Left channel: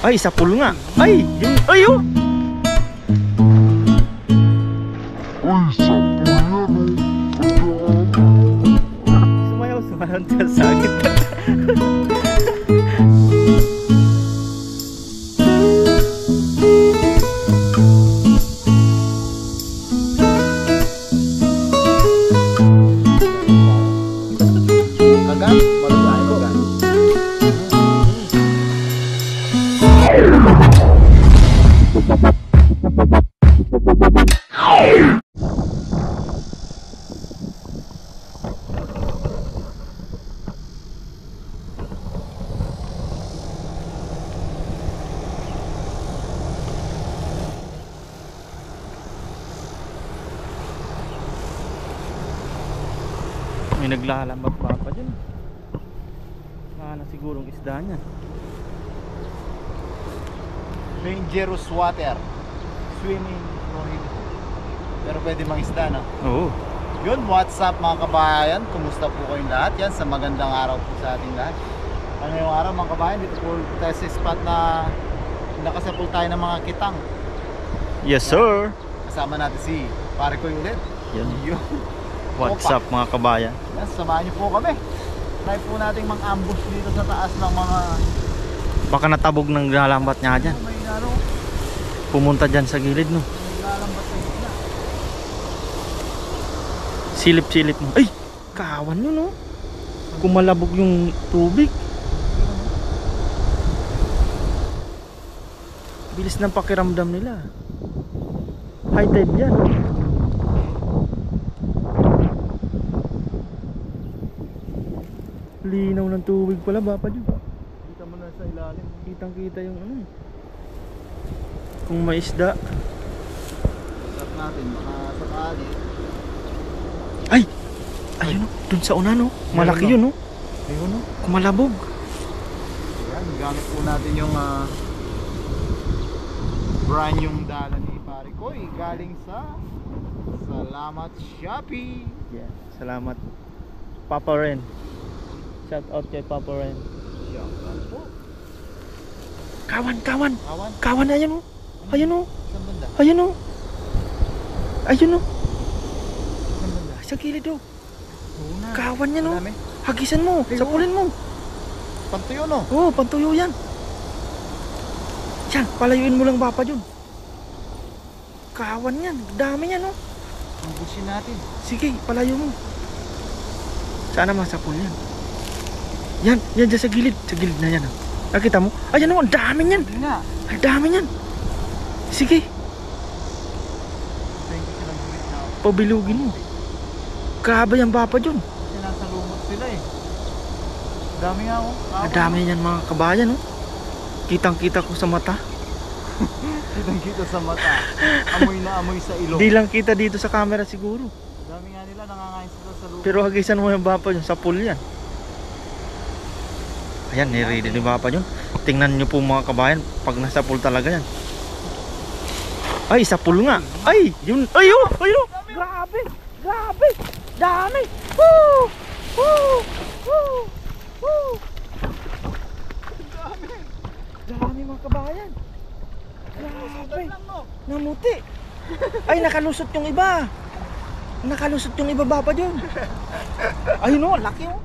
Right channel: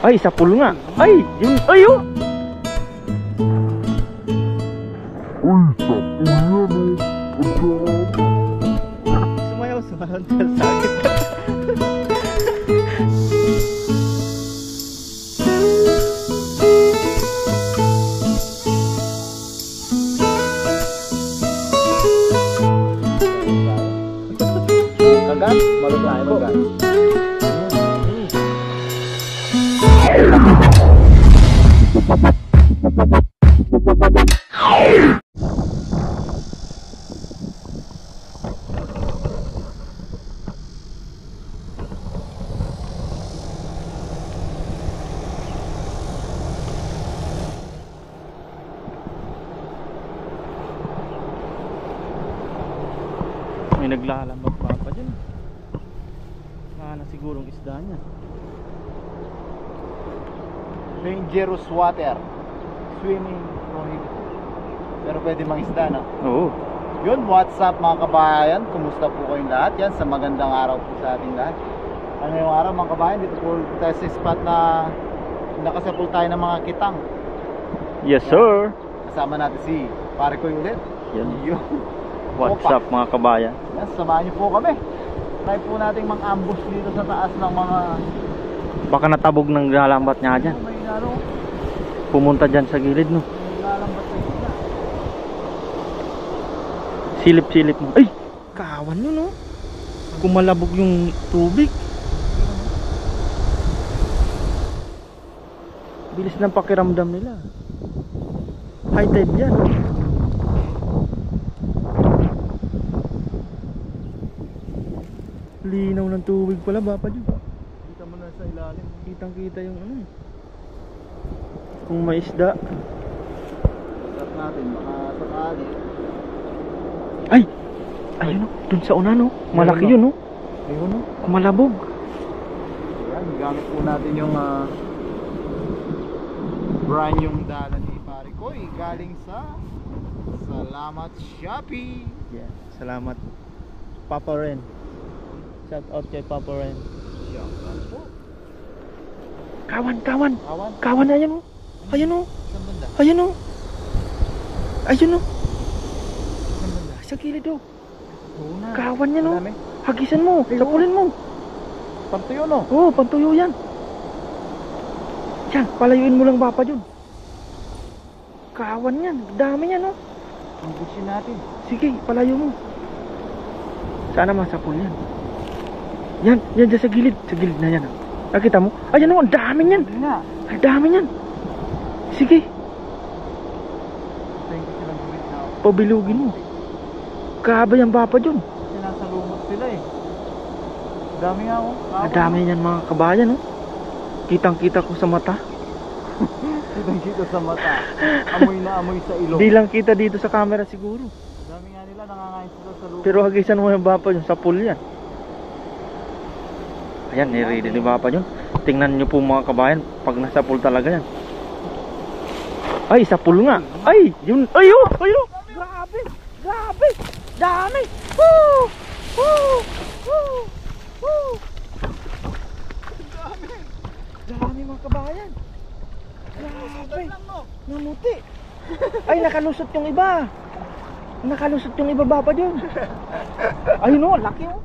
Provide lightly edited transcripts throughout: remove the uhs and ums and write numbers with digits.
Ay, sa pool nga. Ay, yun. Ay, oh. Sumayaw sa sakit. May naglalambag pa dyan. Sana sigurong isda niya. Dangerous water. Swimming prohibited. Pero pwede mang isda, no? Oo. Yun, what's up mga kabayan? Kumusta po kayong lahat? Yan, sa magandang araw po sa ating lahat. Ano yung araw mga kabayan? Dito po tayo sa spot na nakasapul tayo ng mga kitang. Yes, sir. Kasama natin si pare ko ulit. Yan. Yun. What's up mga kabayan? Yan, samahan niyo po kami. Try po nating mang-ambush dito sa taas ng mga... Baka natabog ng lalambat niya dyan. May ano, Pumunta dyan sa gilid, no? lalambat sa gitna. Silip-silip mo. Ay! Kawan yun, no? Kumalabog yung tubig. Bilis ng pakiramdam nila. High tide yan. Linaw ng tubig pala, bapa dyan. Kita mo na sa ilalim. Kitang kita yung ano. Kung may isda. Stop natin, baka sakali. Ay! Ayun, no? Dun sa una, no? Malaki yun, no? Ayun, no? Kumalabog. Ayan, gamit po natin yung brand yung dala ni pare ko. Galing sa Salamat Shopee. Yeah, salamat. Papa Ren. Shout out kay Papa Ren. Shoutout po. Kawan, kawan. Kawan, Kawan na yan, oh. Ayun, oh. saan banda? Ayun, oh. Ayun, oh. Saan banda? Sa gilid, oh. Oo na. Kawan yan, oh. Madami. Hagisan mo. Sapulin mo. Pantuyo, no? Oh, pantuyo yan. Yan, palayuin mo lang bapa dyan. Kawan yan. Dami yan, oh. Ambusin natin. Sige, palayo mo. Sana masapul yan. Yan, yan dyan sa gilid. Sa gilid na yan, oh. Nakita mo? Ayan, oh. Ang dami yan. Hindi nga. Ang dami yan. Sige, Thank you silang gawin na. pabilugin mo. Grabe yan bapa dyan. Kasi nasa lumot sila eh. Dami nga ako. Ang dami yan mga kabayan, oh. Kitang kita ko sa mata. Kitang kita sa mata. Amoy na amoy sa ilong. Di lang kita dito sa camera siguro. Dami nga nila, nangangain sila sa lumot. Pero hagisan mo yung bapa dyan. Sa pool yan. Ayan, nire-ready ni bapa dyan. Tingnan nyo po mga kabayan. Pag nasa pool talaga yan. Ay, sa pool nga. Ay, yun. Ay, oh, ay, oh. Grabe. Grabe. Dami. Woo! Woo! Woo! Woo! Dami. Dami mga kabayan. Grabe. Lang, no? Namuti. Ay, nakalusot yung iba. Nakalusot yung iba bapa dyan. Ayun, oh, laki, oh.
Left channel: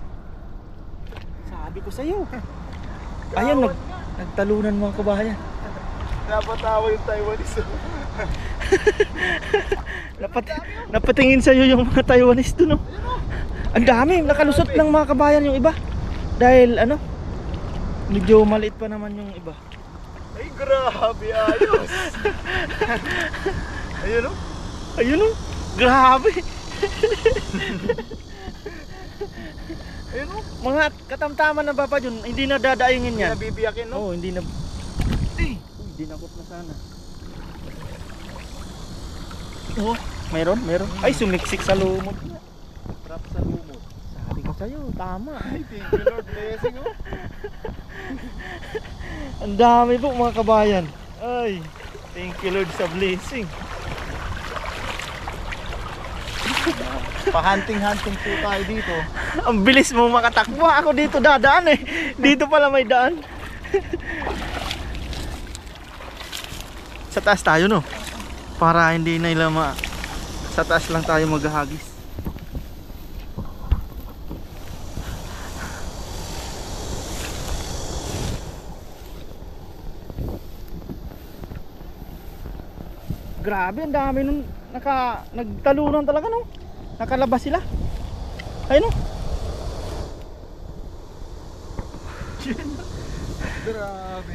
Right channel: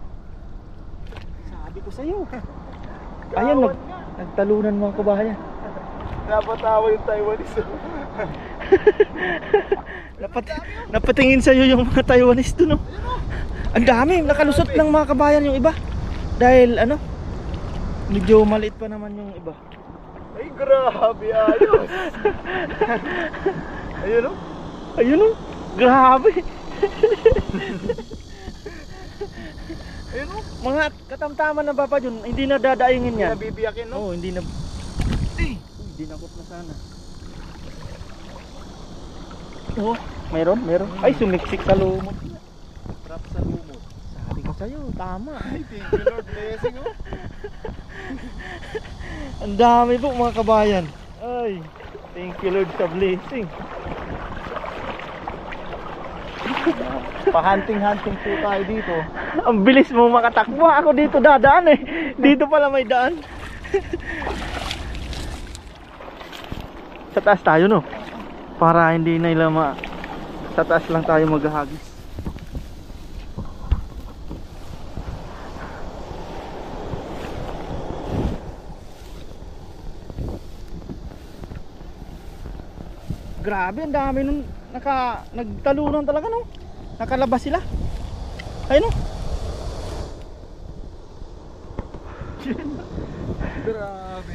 Sabi ko sa'yo. Ayun, nagtalunan mga kabayan. Napatawa yung Taiwanese. Napatingin sa'yo yung mga Taiwanese doon, no? Ang dami, nakalusot ng mga kabayan yung iba. Dahil ano, medyo maliit pa naman yung iba. Ay, grabe, ayos. Ayun, no? Ayun, no? Grabe. Ayun, no? Mga katamtaman na bapa dyan, hindi na dadayungin Hindi yan. na bibiyakin, no? Oo, hindi na. Dinakot na sana. Oh, meron. Ay, sumiksik sa lumot. Trap sa lumot. Sabi ko sa'yo, tama. Ay, thank you Lord, blessing, oh. Ang dami po mga kabayan. Ay, thank you Lord sa blessing. Pa-hunting-hunting po tayo dito. Ang bilis mo makatakbo. Ako dito dadaan eh. Dito pala may daan. Sa taas tayo, no? Para hindi na nila sa taas lang tayo maghahagis. Grabe, ang dami nun nagtalunan talaga, no? Nakalabas sila. Ayun, no? Grabe.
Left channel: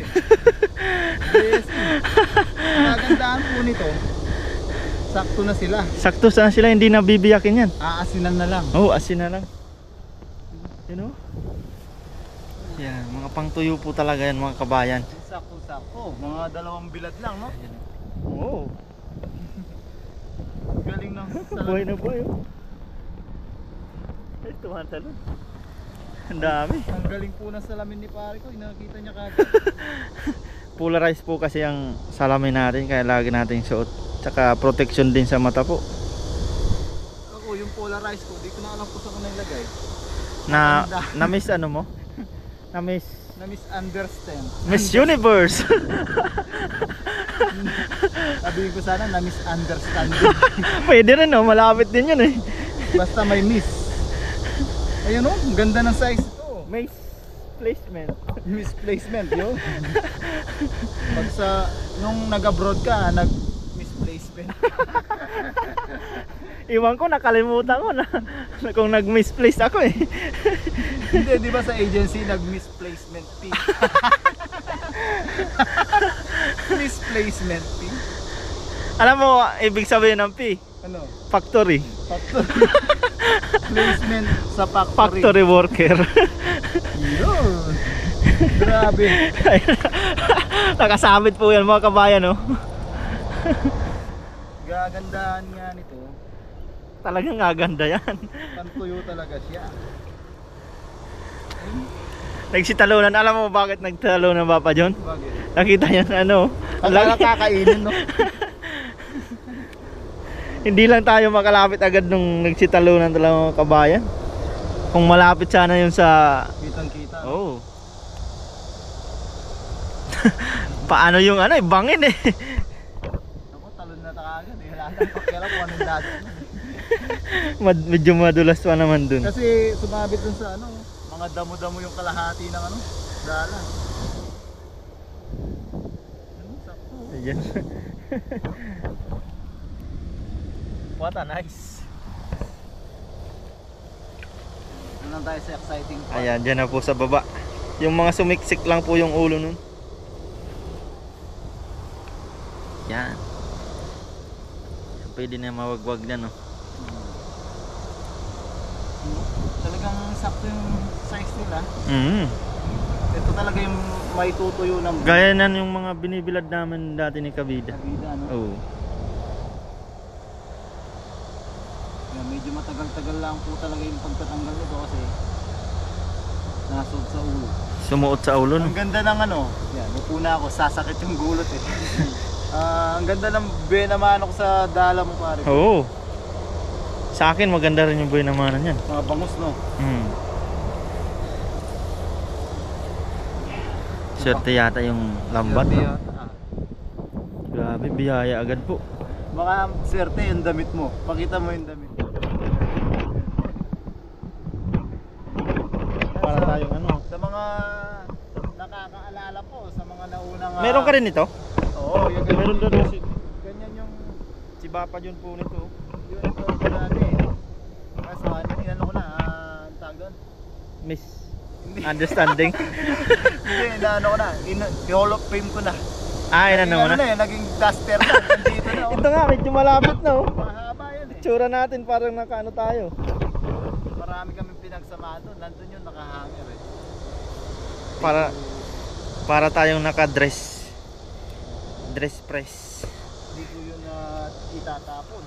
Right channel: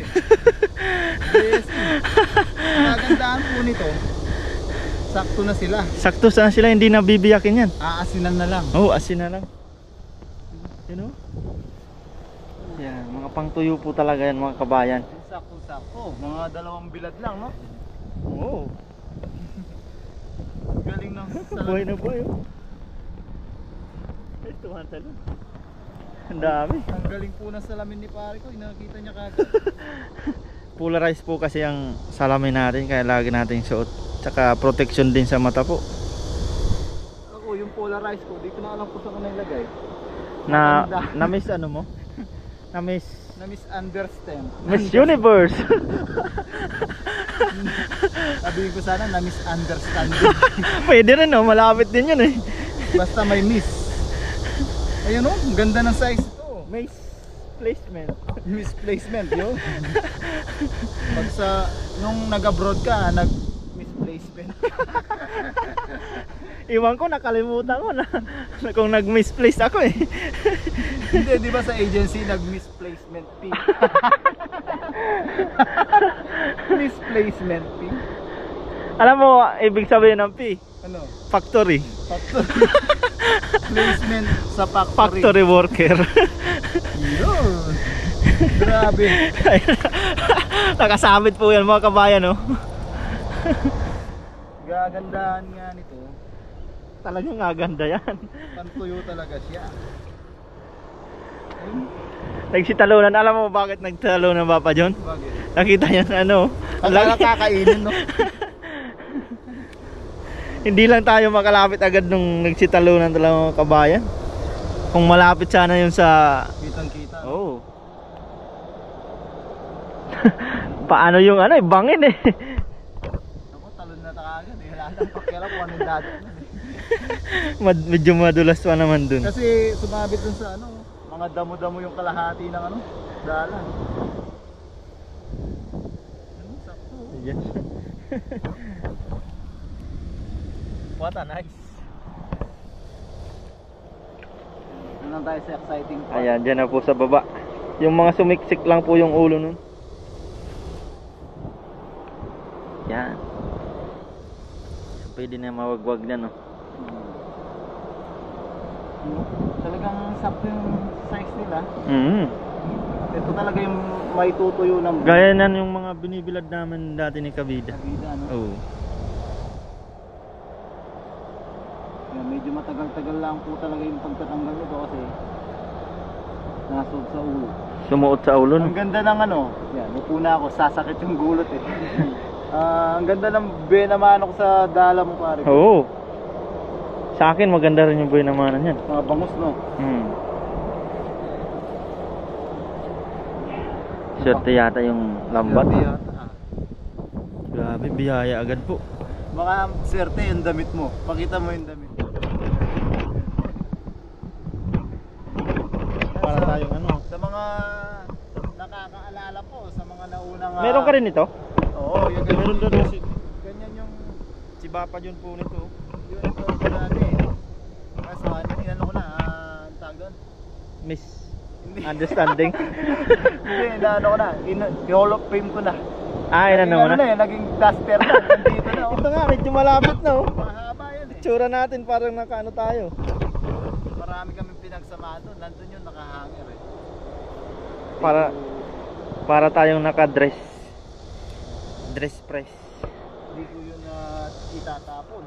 Yes. Magandaan po nito. Sakto na sila. Sakto sana sila, hindi na bibiyakin yan. Aasinan na lang. Oh, asin na lang. You know? Yan, mga pangtuyo po talaga yan, mga kabayan. Sakto-sakto. Mga 2 bilad lang, no? Oo. Galing ng Buhay na buhay, oh. Ay, tumatalon. Ang dami. Ang galing po ng salamin ni pare ko. Nakita niya kagad. Polarized po kasi ang salamin natin, kaya lagi nating suot. Tsaka protection din sa mata po. Ako, yung polarized ko, di ko na alam kung saan ko nailagay. Na-miss ano mo? Na-miss Na-misunderstand. Miss Universe. Sabihin ko sana na-misunderstand. Pwede rin, no? Malapit din yun, eh. Basta may miss. Ayun, oh, ang ganda ng size ito. Miss placement. Misplacement yun. Pag nung nag-abroad ka, nag-misplacement. Iwan ko, nakalimutan ko na kung nag-misplace ako, eh. Hindi, di ba sa agency nag-misplacement fee? Misplacement fee? Alam mo, ibig sabihin ng P? Ano? Factory. Factory. Placement sa factory. Factory worker. Yun. Grabe. Nakasabit po yan, mga kabayan, no? Gagandahan nga nito. Talagang gaganda yan. Pantuyo talaga siya. Nagsitalunan. Alam mo bakit nagtalunan, Papa John? Bakit? Nakita niya na ano. Ang nakakainin, no? Hindi lang tayo makalapit agad nung nagsitalunan talaga, mga kabayan. Kung malapit sana yun sa... Kitang-kita. Oh. Paano yung ano, bangin, eh. Ako, talon na takagad. Wala nang pakialam kung anong dati. Medyo madulas pa naman dun. Kasi sumabit dun sa ano, mga damo-damo yung kalahati ng ano, dala. Ano, sakto. Ayan. What a nice. Ano tayo sa exciting part? Ayan, dyan na po sa baba. Yung mga sumiksik lang po yung ulo nun. Yan. Pwede na mawagwag na, no? Talagang sakto yung size nila. Mm. Ito talaga yung may tutuyo ng Gaya na yung mga binibilad namin dati ni Kabida. Kabida, no? Oh. Kaya medyo matagal-tagal lang po talaga yung pagtatanggal nito kasi nasod sa ulo. Sumuot sa ulo, no? Ang ganda ng ano, yan, upo na ako, sasakit yung gulot eh. Ang ganda ng benamano ko sa dala mo pare. Oo. Sa akin maganda rin yung buhay namanan yan. Mga bangus, no? Swerte yata yung lambat. Swerte yata, ah. Grabe, biyaya agad po. Baka swerte yung damit mo. Pakita mo yung damit. Para tayong ano. Sa mga nakakaalala po, sa mga naunang... Meron ka rin ito? Oo, yung Meron ganyan. doon si Ganyan yung... Bapa John po nito. Yun ito dati. Kaso ano ko na, ang tawag doon? Miss Hindi. Understanding. Hindi, inaano ko na. I-hall of fame ko na. Ah, yun Naging na ano na eh, naging duster na. Nandito na. Oh. Ito nga, medyo malapit na, oh. Mahaba yan eh. Tsura natin parang nakaano tayo. Marami kami pinagsamahan doon. Nandun yung nakahanger eh. Para tayong naka-dress. Dress press. Hindi ko yun itatapon.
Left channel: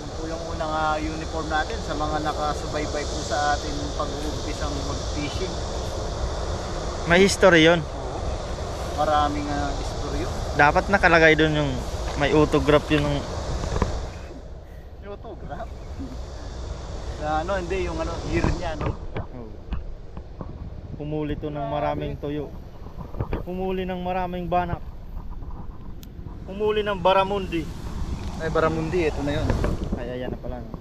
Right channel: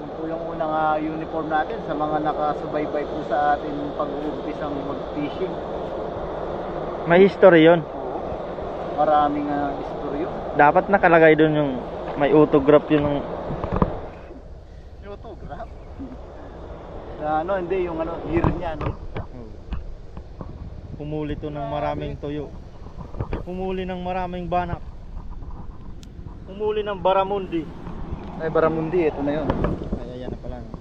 Yun po yung unang uniform natin sa mga nakasubaybay po sa atin pag-uumpisang mag-fishing. May history yun. Oo. Maraming istoryo. Dapat nakalagay doon yung may autograph yun ng... Yung autograph. Ano, hindi, yung ano, year niya, no? Humuli to ng maraming tuyo. Humuli ng maraming banak. Humuli ng Baramundi. Ay, Baramundi, ito na yun. Ay, ayan na pala. No?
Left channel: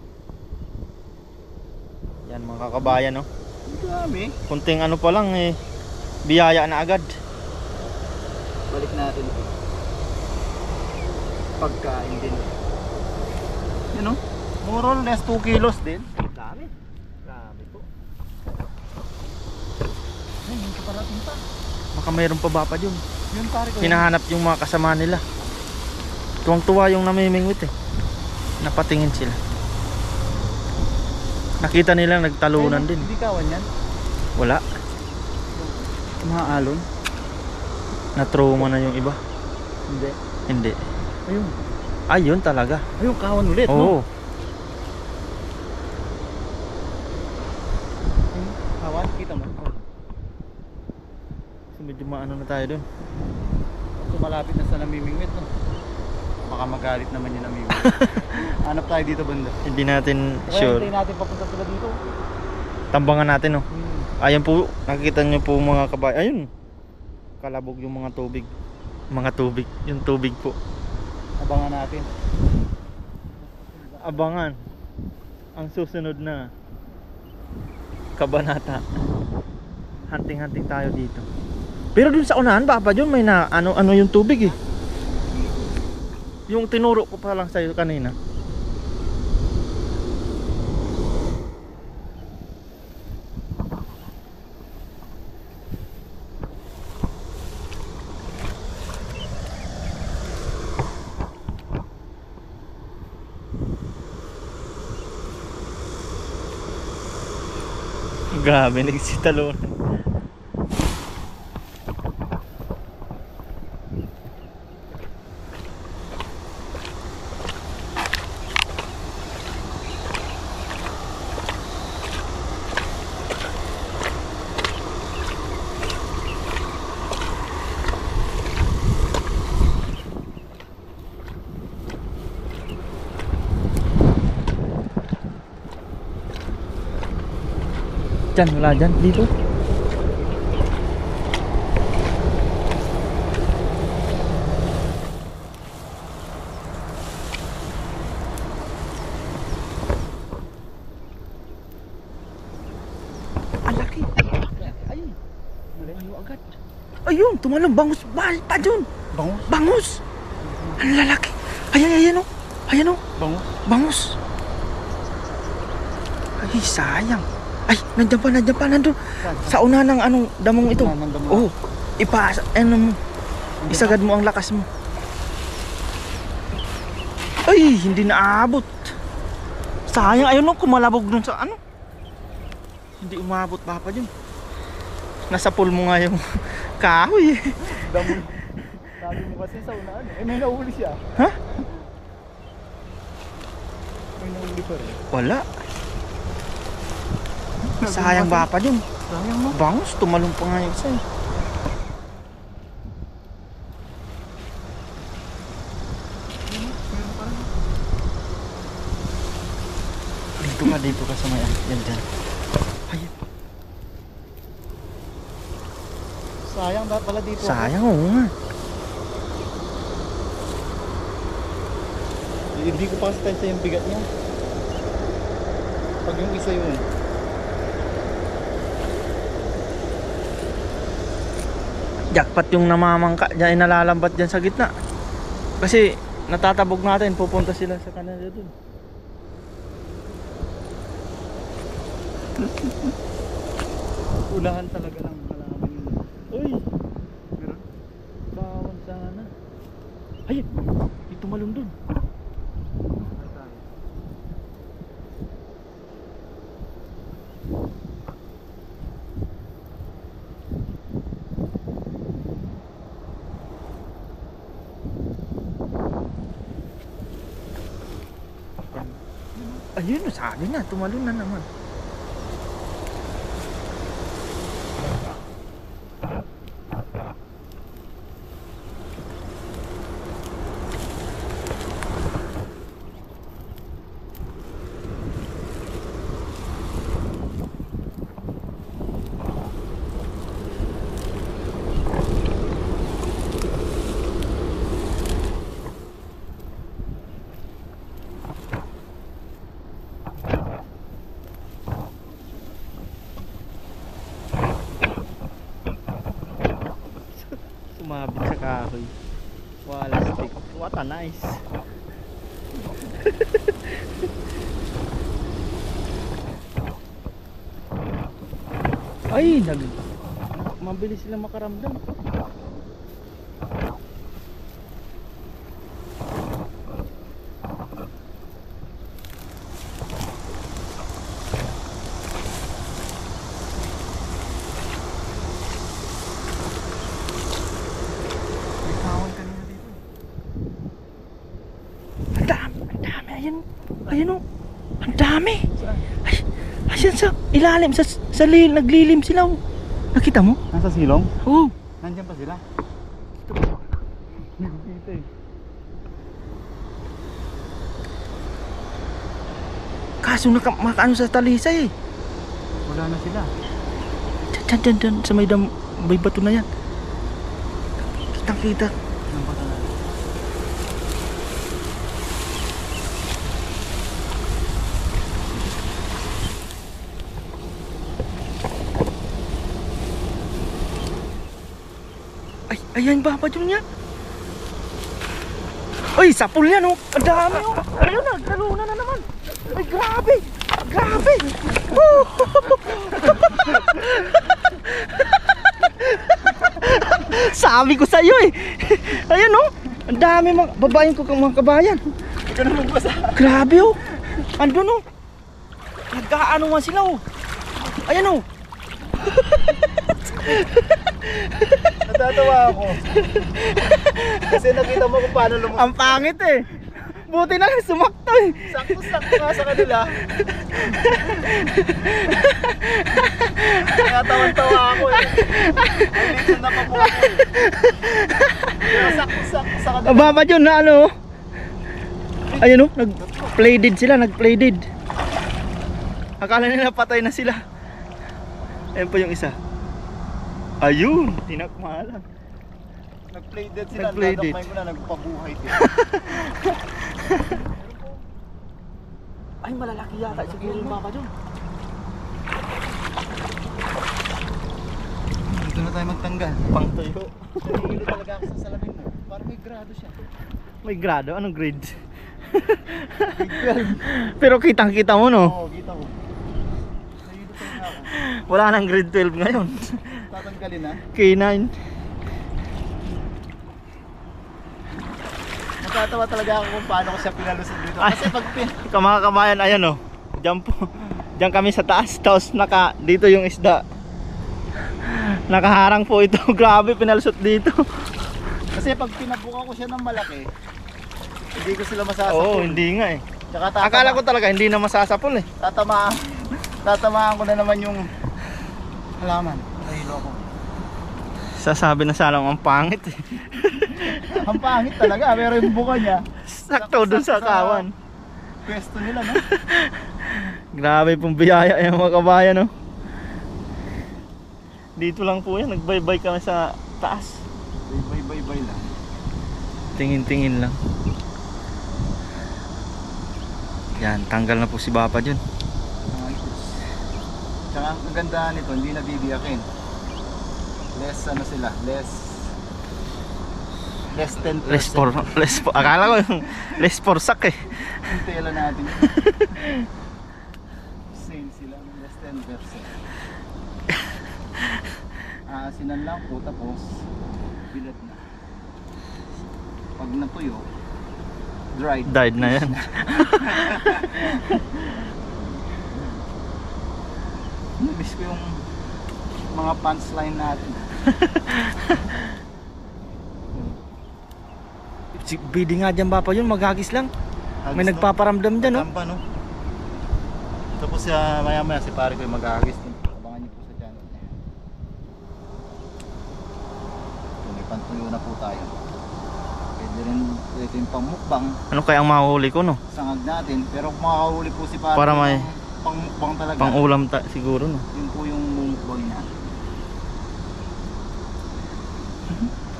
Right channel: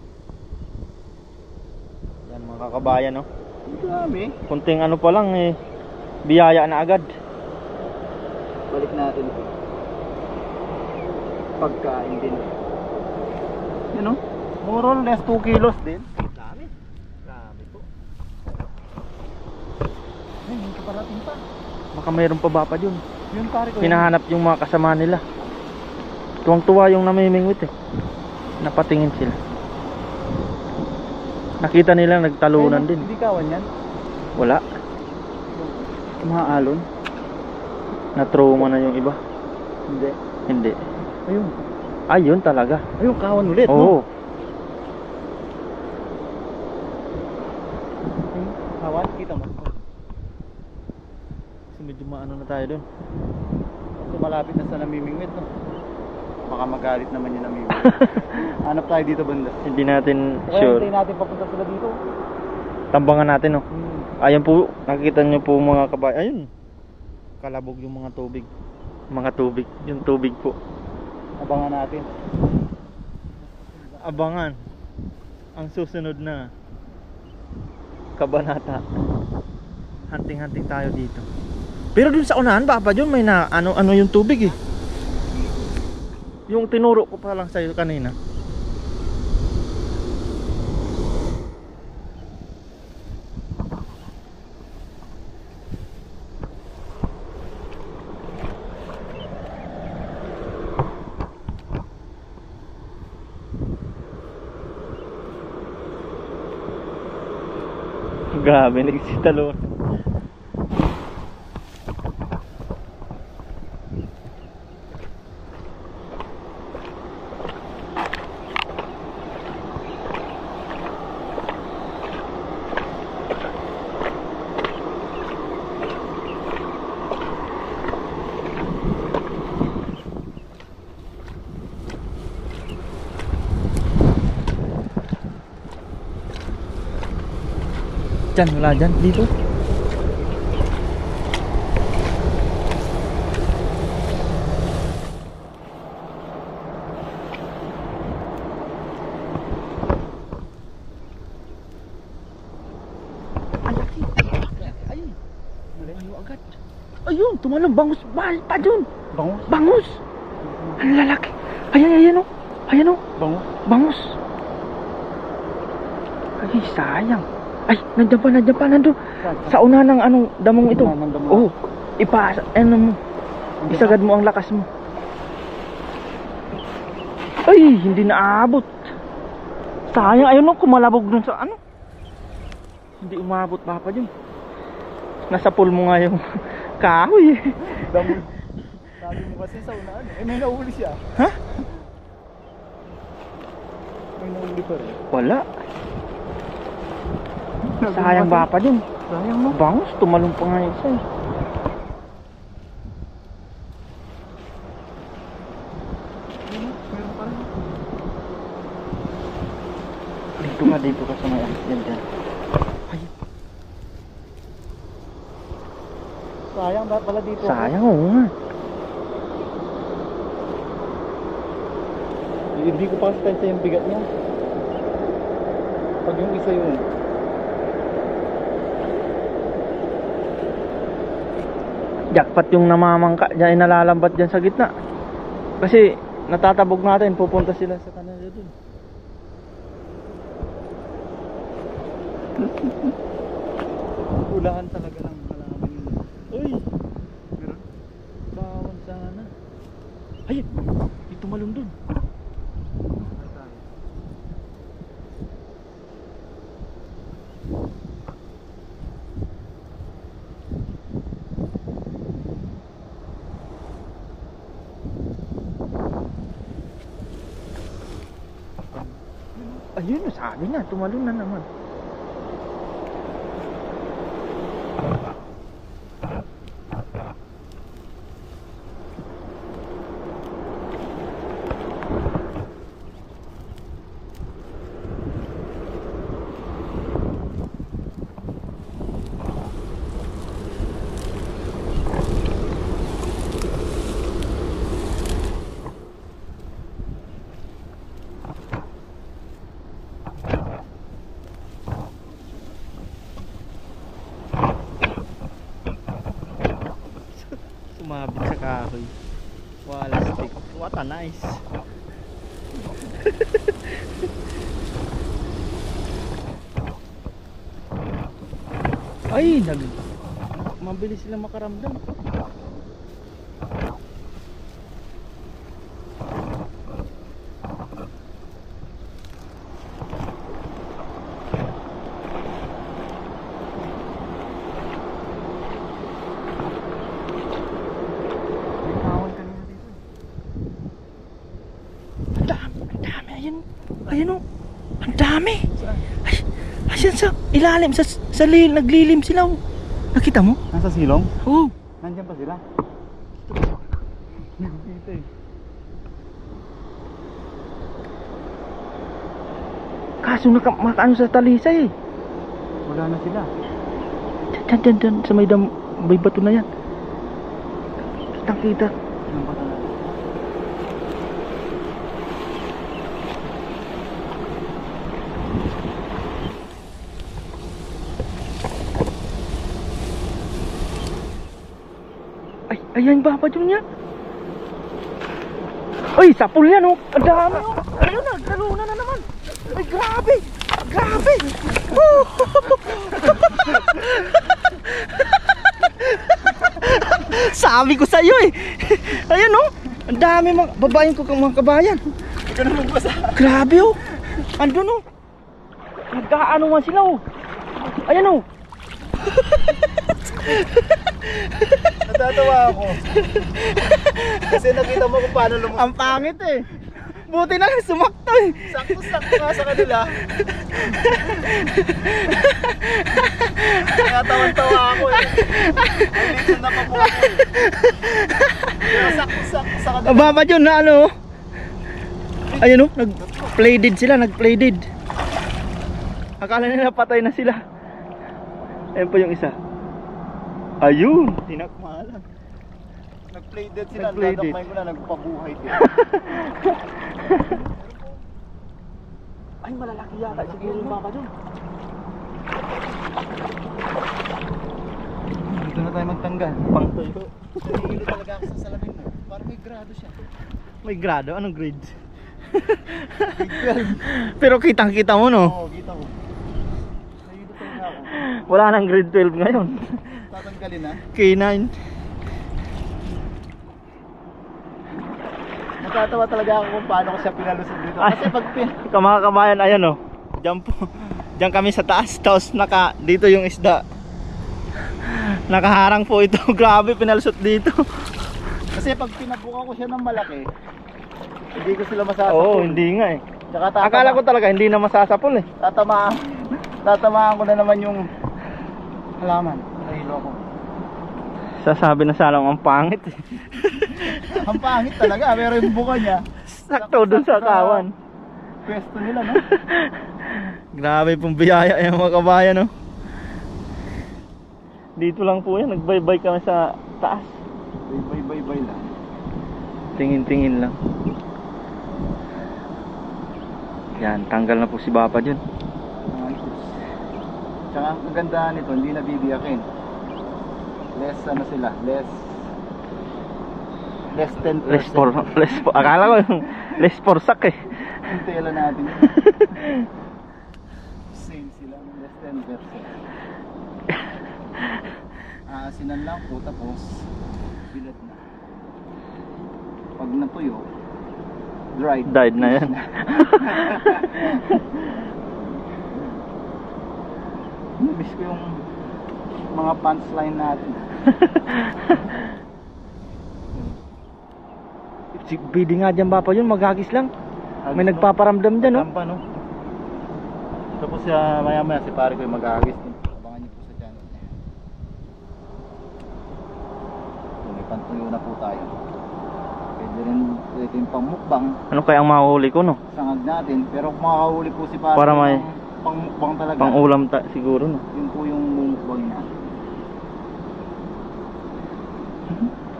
Yan mga kakabayan, no? Ang dami. Kunting ano pa lang eh, biyaya na agad. Balik natin ito. Pagkain din. Yan o. More or less 2 kilos din. Dami. Dami po. Ay, hindi ka parating pa. Baka mayroon pa ba pa yun? Yun pare ko. Hinahanap yung mga kasama nila. Tuwang-tuwa yung namimingwit eh. Napatingin sila. Nakita nila nagtalunan din. Hindi kawan yan. Wala. Mga alon. Na-trauma na yung iba. Hindi. Hindi. Ayun. Ayun talaga. Ayun, kawan ulit, Oo. no? Kawan, kita mo. So medyo maano na tayo dun. So malapit na sa namimingwit, no? Baka magalit naman yung namimingwit. Hanap tayo dito banda. Hindi natin Kaya sure. hintayin natin papunta sila dito. Tambangan natin, no. Ayun po, nakikita nyo po mga kabay. Ayun. Kalabog yung mga tubig. Mga tubig. Yung tubig po. Abangan natin. Abangan. Ang susunod na kabanata. Hunting-hunting tayo dito. Pero dun sa unahan, baka dun may na ano yung tubig eh. Yung tinuro ko pa lang sa'yo kanina. Grabe, nagsitalon. Diyan, wala dyan, dito. Ang laki. Ayun. Malayo agad. Ayun, tumalong, bangus. Bahal pa dun. Bangus. Bangus. Ang lalaki. Ayan, ayan o. Ayan o. Bangus. Bangus. Ay, sayang. Ay, nandiyan pa, nandun. Sa una ng anong damong ito. Oh, ano mo. Isagad mo ang lakas mo. Ay, hindi naabot. Sayang, ayun o, kumalabog dun sa ano. Hindi umabot pa dyan. Nasa pool mo nga yung kahoy eh. Sabi mo kasi sa unaan. Eh, may nahuli siya. Ha? May nahuli pa rin. Wala. Sayang ba pa dun? Sayang mo. Bangus, tumalong pa nga yung isa eh. Meron pa rin. Dito ka sa may yan dyan. Ayun. Sayang dapat pala dito. Sayang oo nga. Hindi ko pa kasi tansya yung bigat niya. Pag yung isa yun. Jackpot yung namamangka dyan, nalalambat dyan sa gitna. Kasi natatabog natin, pupunta sila sa kanila dun. Ulahan talaga ng malaman yun. Uy, Meron? bawal sana. Ay, ito malung dun. Ay tayo. Ayun, sabi na, tumalon na naman. Umabit sa kahoy. Wala stick. What a nice. Ay, mabilis sila makaramdam. Ang dami, ayan o. Ang dami. Ay, ayan sa ilalim, naglilim sila oh. Nakita mo? Nasa silong? Oo. Nandiyan pa sila? Dito eh. Kaso makaano sa talisay eh. Wala na sila. Diyan, sa may bato na yan. Kitang-kita. Anong bata na? Ay, ayan ba yun niya? Ay, sapul yan oh. Ang dami oh. Ayun na, nagtaluna na naman. Ay, grabe. Grabe. Woo! Sabi ko sa'yo eh. Ayan oh. Ang dami babayin ko kang mga kabayan. Ikaw naman basa. Grabe oh. Andun oh. Nagkaano nga sila oh. Ayan oh. Natatawa ako. Kasi nakita mo kung paano lumusok. Ang pangit eh. Buti na lang sumakto eh. Sakto-sakto nga sa kanila. Kaya tawan-tawa ako eh. Ay, dito na pa po ako eh. Pero sakto-sakto sa kanila. Ababa yun na ano. Ayun oh, nag-play dead sila, nag-play dead. Akala nila patay na sila. Ayun pa yung isa. Ayun, tinakmalan. Nag-play dead sila. Nag-play dead. Dadakmain ko na, nagpabuhay din. Ay, malalaki yata siguro yung baka dyan. Dito na tayo magtanggal. Pang tuyo. Nahihilo talaga ako sa salamin mo. Parang may grado siya. May grado? Anong grade? Grade 12. Pero kitang-kita mo no? Oo, kita ko. Nahihilo talaga ako. Wala nang grade 12 ngayon. Tatanggalin na. K9. Natatawa talaga ako kung paano ko siya pinalusot dito. Ay. Kasi pag Mga kabayan, ayan o. Diyan po. Diyan kami sa taas. Tapos dito yung isda. Nakaharang po ito. Grabe, pinalusot dito. Kasi pag pinabuka ko siya ng malaki, hindi ko sila masasapol. Oo, hindi nga eh. Tsaka Akala ko talaga hindi na masasapol eh. tatamaan ko na naman yung halaman. Nahilo ako. Sasabi na sana ang pangit eh. Ang pangit talaga, pero yung buka niya Sakto dun sa kawan. pwesto nila, no? Grabe pong biyaya yung mga kabayan no. Dito lang po yan, nagbaybay kami sa taas. Bay lang. Tingin-tingin lang. Yan, tanggal na po si Bapa dyan. Tsaka ang ganda nito, hindi nabibiyakin. Less ano sila, less 10%. Akala ko yung less for sak eh. Yung tela natin. Same sila, less 10%. Aasinan lang po, tapos bilad na. Pag natuyo, Died na yan. Miss ko yung mga punchline natin. Si Bidi nga dyan Bapa yun, maghagis lang. May nagpaparamdam dyan no. Tampa, no? Tapos maya maya si pare ko yung mag-aagis din. Abangan niyo po sa channel niya. So, may pantuyo na po tayo. Pwede rin ito yung pangmukbang, Ano kaya ang mahuli ko no? sangag natin. Pero kung makahuli po si pare Para ko may- ng pangmukbang talaga, Pang ulam siguro no. yun po yung mumukbang niya.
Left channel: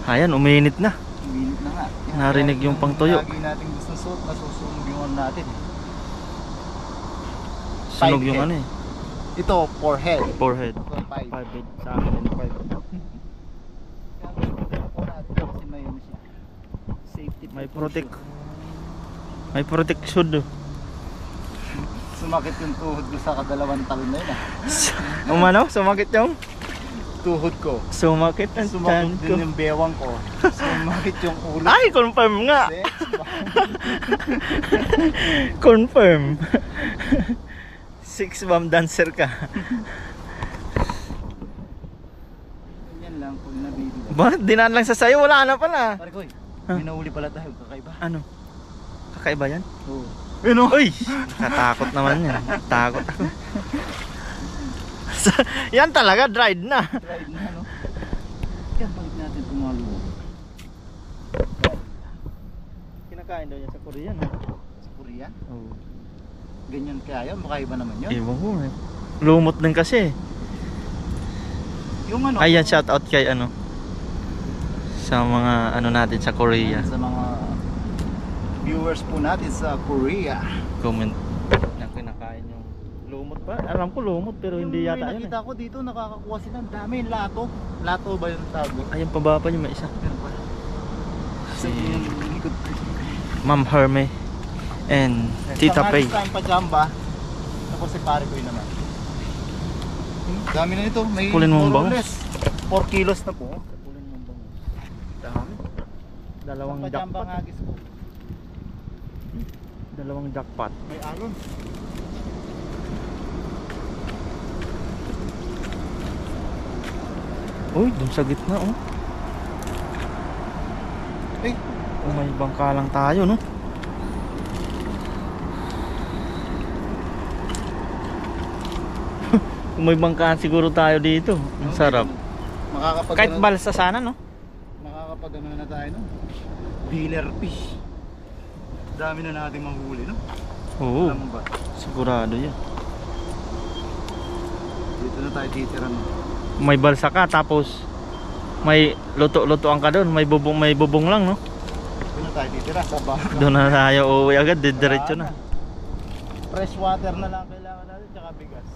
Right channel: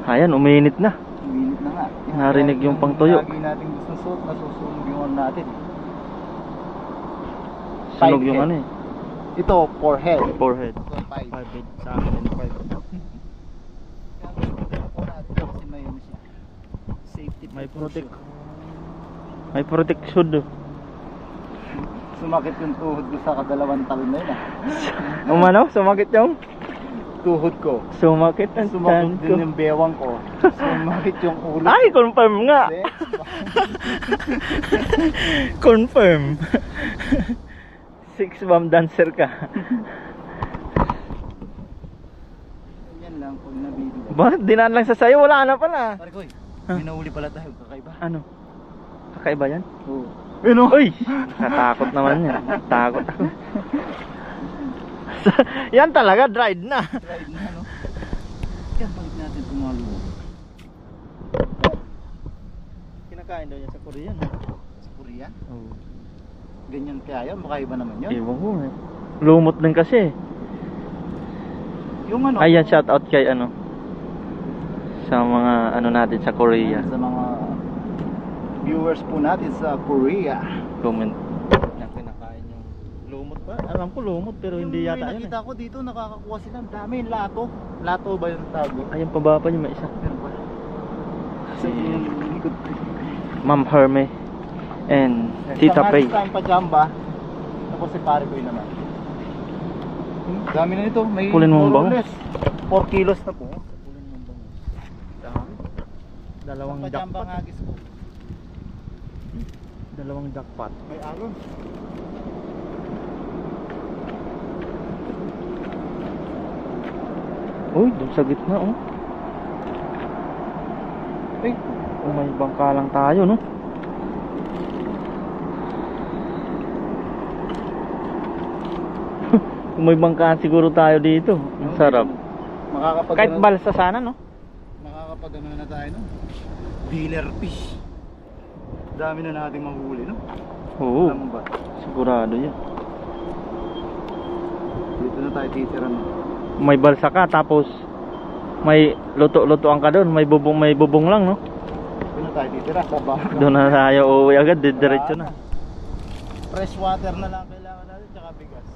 Ayan, uminit na. Minute na nga. Narinig yung pangtuyo. Lagi natin gusto suot, nasusunog yung natin. Sunog Five yung head. ano eh. Ito, forehead. Forehead. Ito, 5. 5 head. Sa akin din 5. Kaya gusto po natin. May protection do. Sumakit yung tuhod ko sa kadalawang talon na yun Umano, sumakit yung? Tuhod ko. Sumakit ang Sumakit tiyan ko. din yung bewang ko. Sumakit yung ulo. Ay, confirm nga. Sex ba? Confirm. Six bomb dancer ka. Yan lang pag nabibilang. Ba, dinaan lang sa sayo, wala na pala. Pare ko, Huh? may nahuli pala tayo, kakaiba. Ano? Kakaiba yan? Oo. Ano? Uy! Nakatakot naman yan. Takot ako. Yan talaga, dried na. Tried na, no? Yan, balik natin tumalo. Kinakain daw yan sa Korea, no? Sa Korea? Oo. Ganyan kaya yun? Makaiba naman yun? Ewan ko eh. Lumot din kasi. Yung ano? Ayan, shout out kay ano. Sa mga ano natin sa Korea. Sa mga viewers po natin sa Korea. Comment na kinakain yung lumot ba? Alam ko lumot pero hindi Yung yata may yun nakita ko dito, nakakakuha sila. Ang dami, lato. Lato ba yung tawag? eh. Ayun pababa pa yung may isa. Meron pa. Sa yung likod ko. Ma'am Herme and Tita Pay. Sa tayong pajamba. Tapos si pare ko yun naman. Dami na nito. May Kulin mong more or bangus. less 4 kilos na po. Kulin mong bangus. Dami. Dalawang Ang pajamba jackpot. nga gis po. Dalawang jackpot. May alon. Uy, dun sa gitna oh. Ay, Oh, may bangka lang tayo no. Kung may bangkaan siguro tayo dito. Ang sarap. Makakapag Kahit balsa sana no. makakapag ano na tayo no. Dealer fish. Dami na nating mahuli no. Oo. Alam mo ba? Sigurado yan. Dito na tayo titira no. May balsa ka tapos may luto-lutoan ka doon, may bubong lang no. Dito na tayo titira sa baka. Doon na tayo uuwi agad, diretso na. Fresh water na lang kailangan natin tsaka bigas.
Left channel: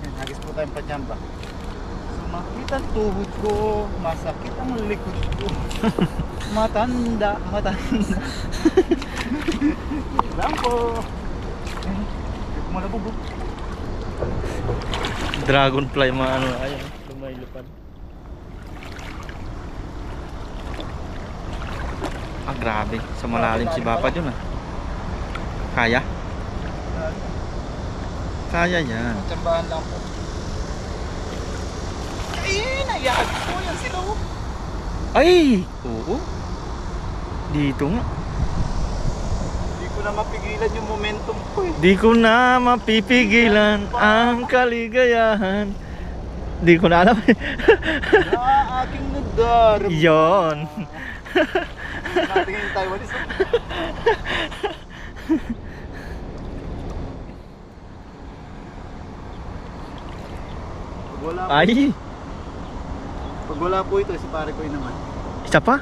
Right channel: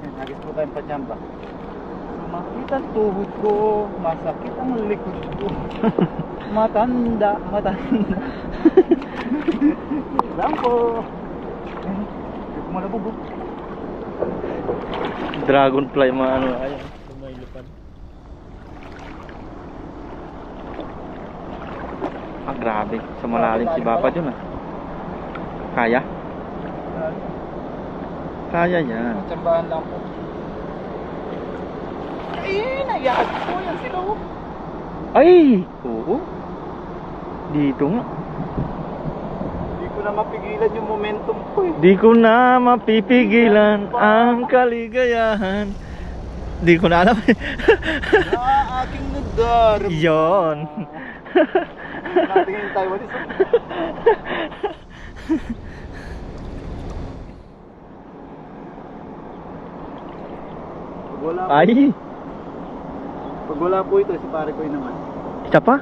Yan, hagis po tayong pajamba. Sumakit ang tuhod ko, masakit ang likod ko. Matanda. Lang po. Hindi ko malabubog. Dragonfly mga ano, ayun, lumaylipad. Ah, grabe. Sa malalim si Papa dun ah. Kaya? Kaya yan. Tsambahan lang po. Ay, nayag po yan sila oh. Ay! Oo. Dito nga. Hindi ko na mapigilan yung momentum ko eh. Di ko na mapipigilan ang kaligayahan. Di ko na alam eh. Na aking nadarama. Yon. Natingin yung Taiwanese. Pag wala po, Ay! pag wala po ito, si pare ko yun naman. Isa pa?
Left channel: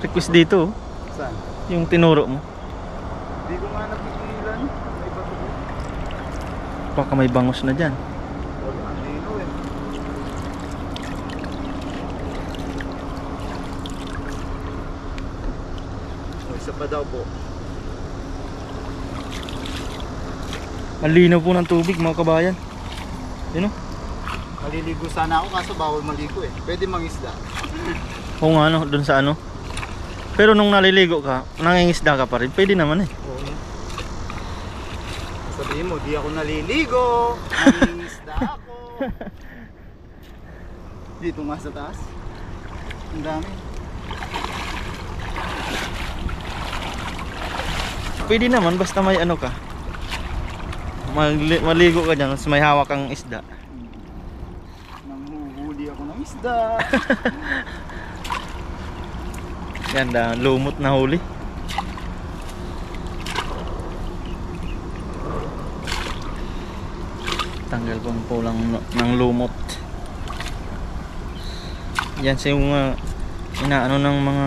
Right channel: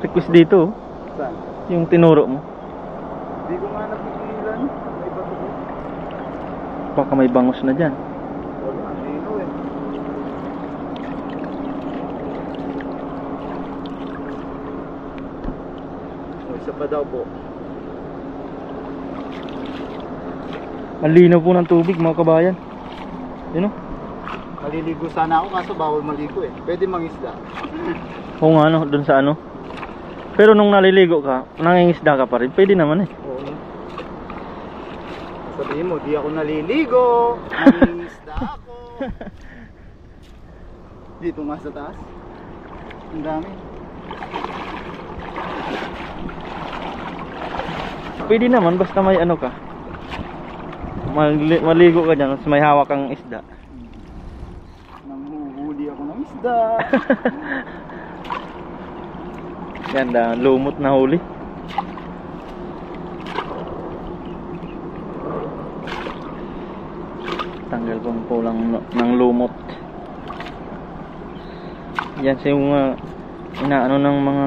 Request dito oh. Saan? Yung tinuro mo. Hindi ko nga napigilan. May bato ko. Baka may bangus na dyan. Wala, ang lino eh. O, isa pa daw po. Ang linaw po ng tubig mga kabayan. Yun oh. Maliligo sana ako kaso bawal maligo eh. Pwede mangisda. Oo nga ano, dun sa ano. Pero nung naliligo ka, nangingisda ka pa rin. Pwede naman eh. Oo. Sabihin mo, di ako naliligo. Nangingisda ako. Dito nga sa taas. Ang dami. Pwede naman basta may ano ka. Maligo ka dyan, may hawak kang isda. Nanghuhuli ako ng isda. Ganda, lumot na huli. Tanggal pang pulang ng lumot. Yan sa yung inaano ng mga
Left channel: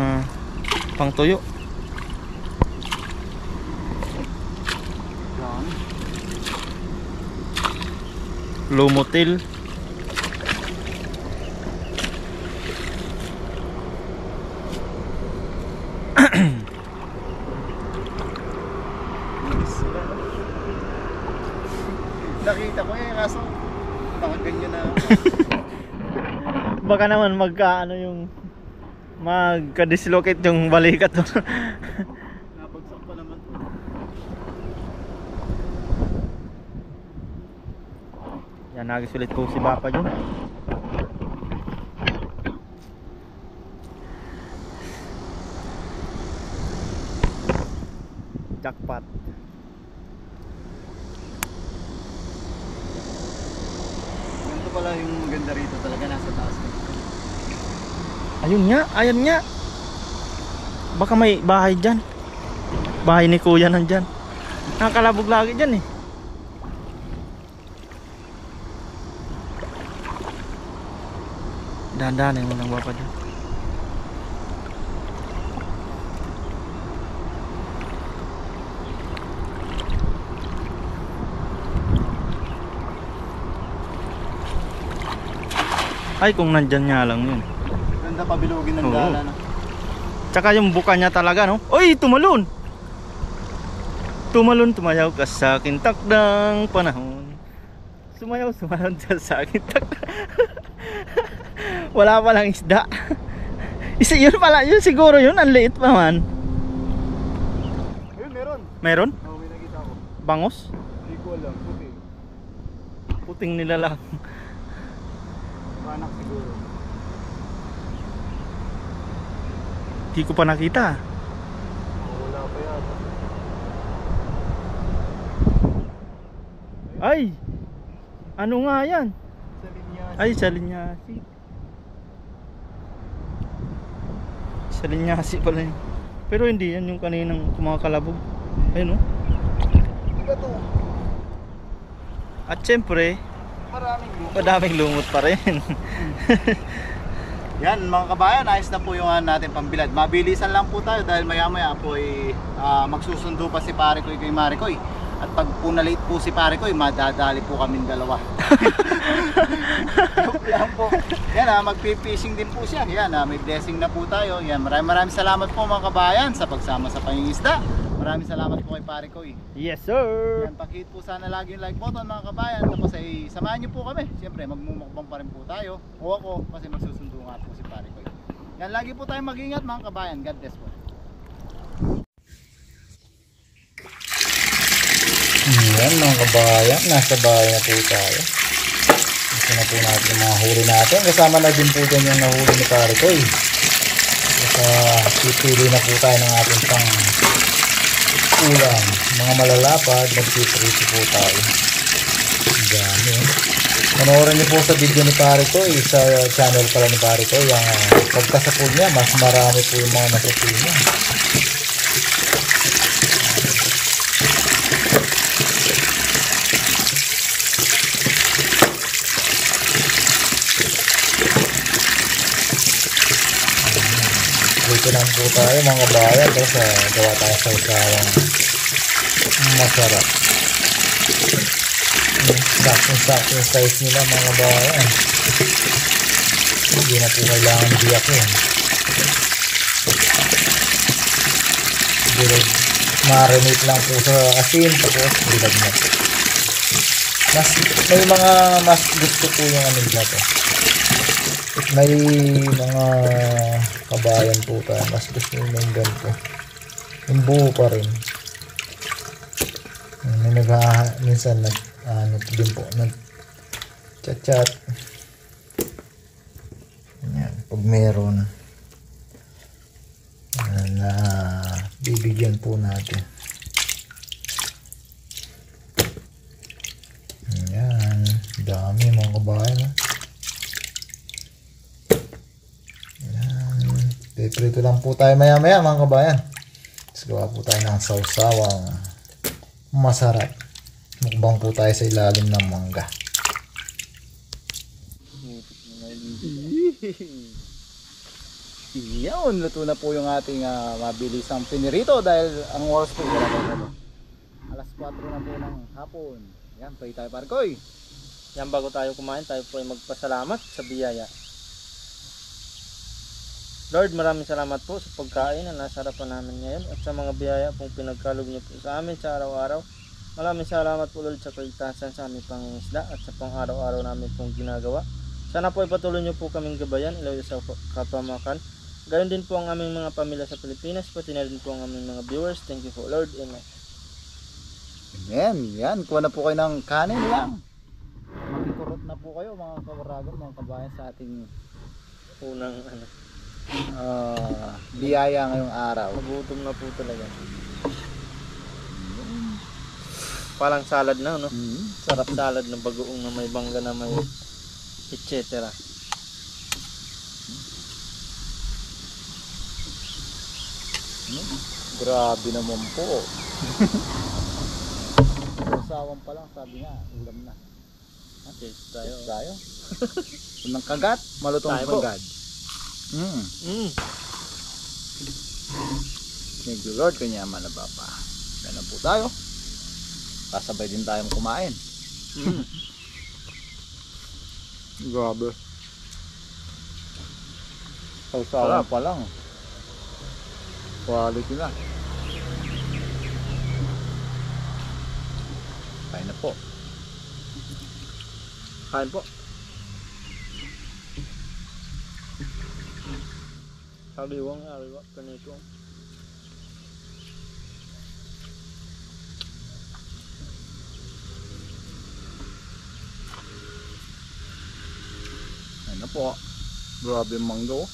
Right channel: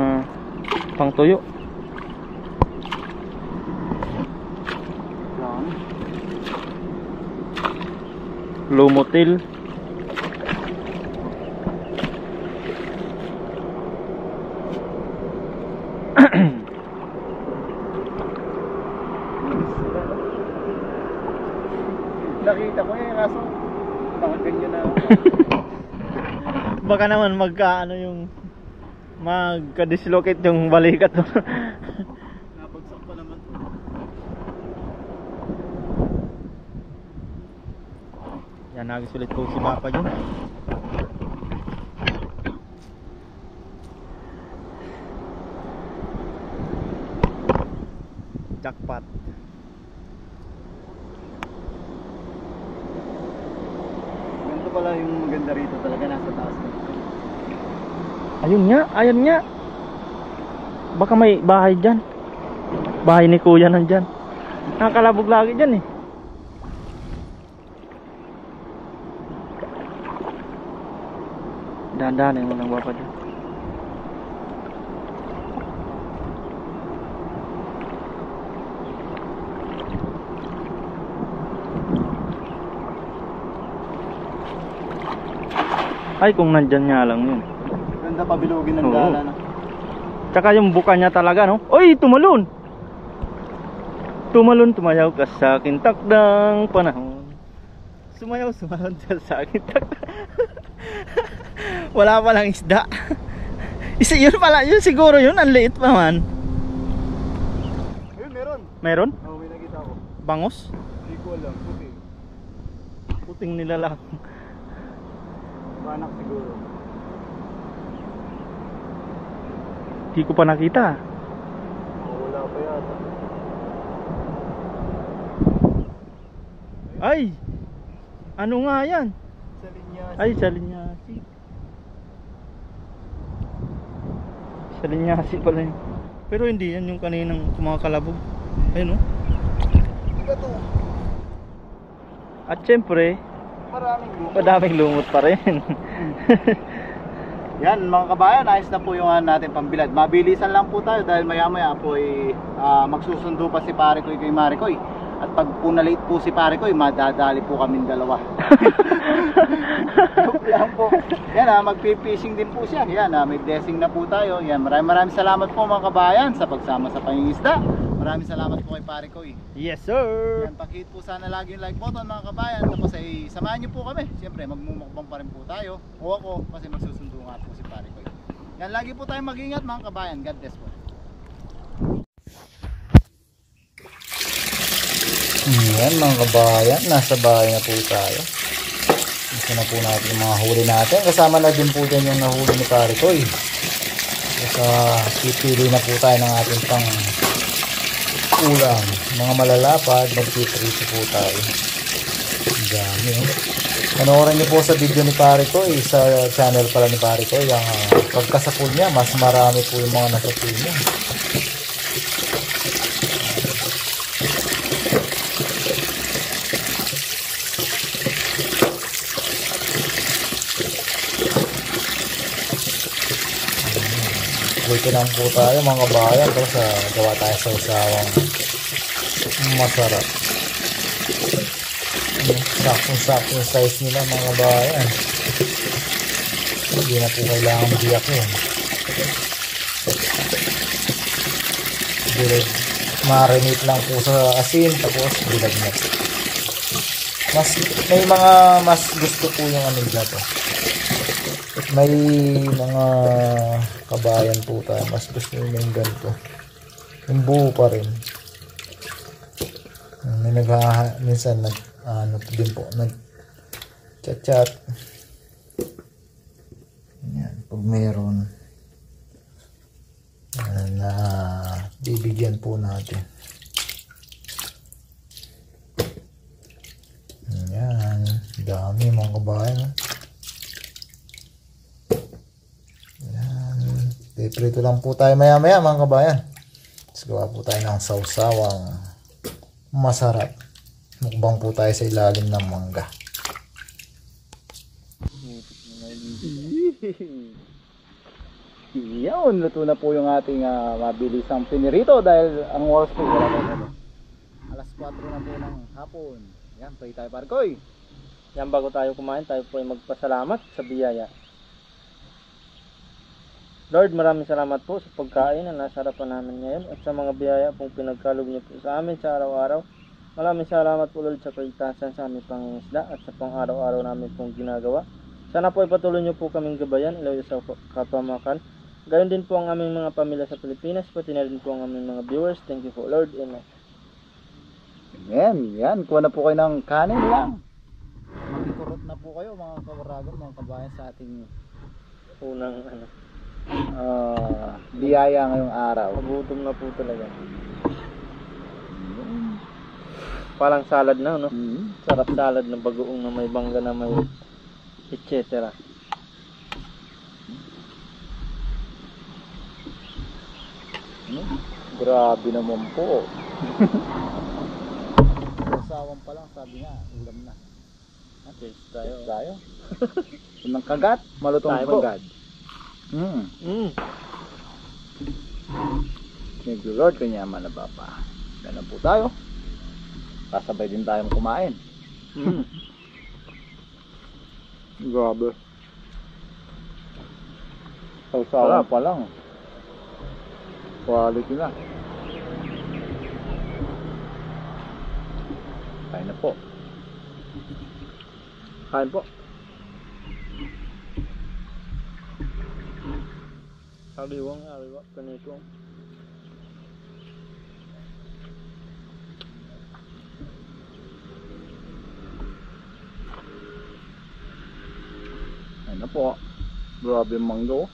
pangtuyo. Yan. Lumotil. kaso nakaganyan na. Baka naman magka ano yung magka-dislocate yung balikat. Nabagsak pa naman to. Yan, nagisulit po si Papa dyan. Jackpot. Ganito pala yung maganda rito talaga, nasa taas ka. Ayun nga, ayan nga. Baka may bahay dyan. Bahay ni Kuya nandyan. Nakakalabog lagi dyan eh. Dahan-dahan mo ng Papa dyan. Ay, kung nandyan nga lang yun. Ganda pabilugin ng Oo. dala na. Tsaka yung buka niya talaga, no? Oy, tumalon! Tumalon, tumayaw ka sa akin takdang panahon. Sumayaw, sumalon ka sa akin takdang. Wala palang isda. Isa yun pala, yun siguro yun, ang liit pa man. Ayun, meron. Meron? Oo, may nakita ko. Bangos? Hindi ko alam, puti. Puting nila lang. Manak siguro. Di ko pa nakita. Wala pa yata. Ay! Ano nga yan? Sa linya. Ay, sa linyasi. Sa linyasi pala yun. Pero hindi yan yung kaninang kumakalabog. Ayun, no? Iba to. At syempre, Maraming lupa. madaming lumot pa rin. Yan mga kabayan, ayos na po yung natin pambilad. Mabilisan lang po tayo dahil maya maya po ay magsusundo pa si Pare Koy kay Mare Koy. At pag po na-late po si Pare Koy, madadali po kaming dalawa. Joke lang po. Yan magpi-fishing din po siya. Yan may blessing na po tayo. Yan, maraming salamat po mga kabayan sa pagsama sa pangingisda. Maraming salamat po kay Pare Koy. Yes, sir! Yan, pakihit po sana lagi yung like button mga kabayan. Tapos ay samahan niyo po kami. Siyempre magmumukbang pa rin po tayo. O ako kasi magsusundo nga po si Pare Koy. Yan, lagi po tayong mag-ingat mga kabayan. God bless po. Yan mga kabayan, nasa bahay na po tayo. Gusto na po natin yung mga huli natin. Kasama na din po dyan yung nahuli ni Pare Koy. Pipili na po tayo ng ating pang ulam. Mga malalapad, magpiprito po tayo. Dami. Panoorin niyo po sa video ni Pare Koy, sa channel pala ni Pare Koy. Yung pagkasapul niya, mas marami po yung mga nasapul niya. Dito lang po tayo mga kabayan, tapos gawa tayo sa usawang masarap. Sakong-sakong yung size nila mga kabayan. Hindi na po kailangan biyak yun. Bilog. Marinate lang po sa asin, tapos bilog na po. May mga mas gusto po yung ano nila to. May mga kabayan po tayo, mas gusto nyo yung ganito, yung buo pa rin. May minsan ano din po, nag chat. Yan, pag meron na bibigyan po natin. Yan, dami mga kabayan. Prito lang po tayo maya maya mga kabayan. Tapos gawa po tayo ng sausawang masarap. Mukbang po tayo sa ilalim ng mangga. Yan, luto na po yung ating mabilisang pinirito dahil ang oras po alas 4 na po ng hapon. Yan, pray tayo Pare Koy. Yan, bago tayo kumain, tayo po ay magpasalamat sa biyaya. Lord, maraming salamat po sa pagkain na nasa harapan namin ngayon at sa mga biyaya pong pinagkaloob niyo po sa amin sa araw-araw. Maraming salamat po Lord sa kaligtasan sa aming pangingisda at sa pang-araw-araw namin pong ginagawa. Sana po ipatuloy niyo po kaming gabayan, ilayo sa kapamakan. Gayon din po ang aming mga pamilya sa Pilipinas, pati na rin po ang aming mga viewers. Thank you po Lord. Amen. Amen. Yan, kuha na po kayo ng kanin lang. Makikurot na po kayo mga kawaragon, mga kabayan sa ating Unang biyaya ngayong araw. magutom na po talaga. Parang salad na, no? Sarap salad na bagoong na may bangga na may etc. Grabe naman po. Sawang pa lang, sabi nga, ulam na. Okay, tayo. Tayo. Unang kagat, malutong Tayo po. kagat. Thank you Lord, kanyaman na baba. Ganun po tayo. Kasabay din tayong kumain. Grabe. Sawsawan pa lang. Quality na. Kain na po. Kain po. Ariwang, kanito. Kain na po. Grabe yung manggo.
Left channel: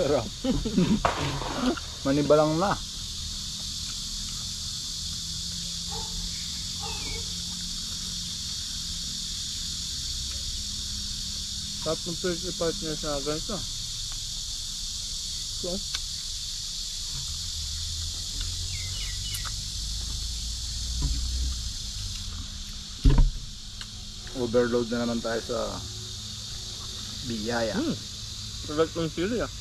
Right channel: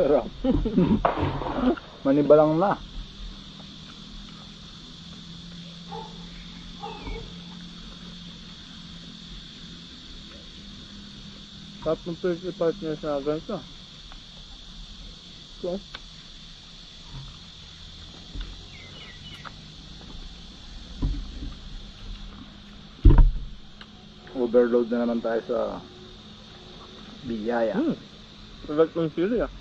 Sarap. Manibalang na. Sarap ng first part niya sa ganito. So, Overload na naman tayo sa biyaya. salat ng sili ah.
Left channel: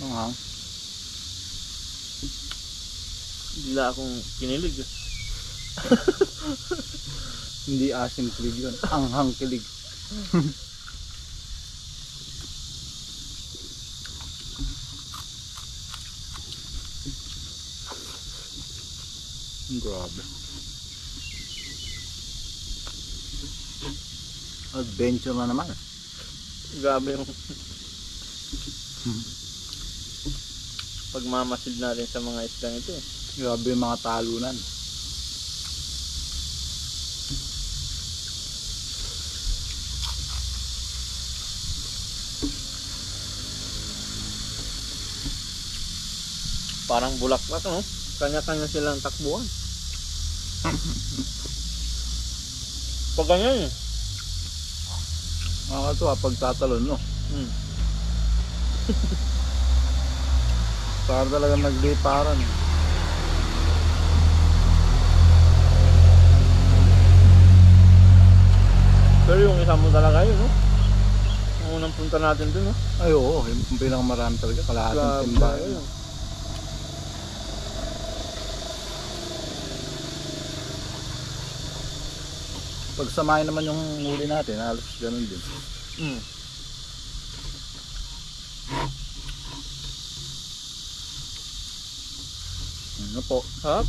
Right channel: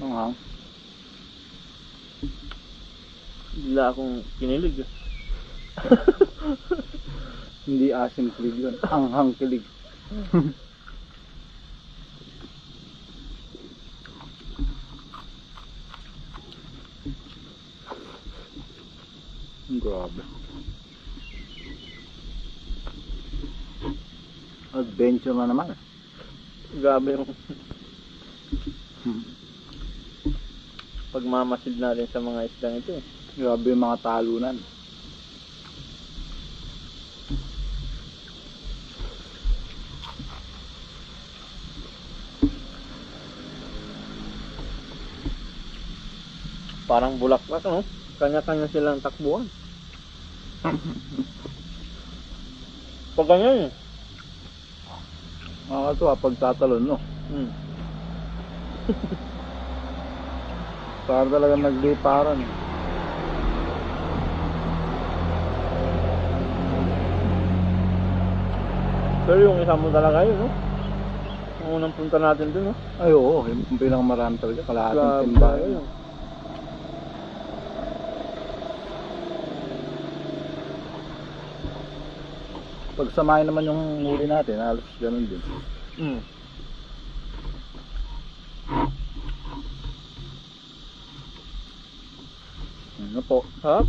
Manghang. Bigla akong kinilig ah. Hindi asim kilig yun. Anghang kilig. Grabe. Adventure na naman. Grabe yung pagmamasid natin sa mga isdang ito eh. Grabe yung mga talunan. Parang bulaklak no? Kanya-kanya silang takbuhan. Pag ganyan eh. Nakakatuwa pag tatalon, no? Para talagang nagliparan. Pero yung isa mo talaga yun no? Ang unang punta natin dun no? Ay oo, yung pinakamarami talaga. Kalahating Grabe timbayan. yun. Pag samahin naman yung huli natin, halos ganun din. Ano po? Sarap.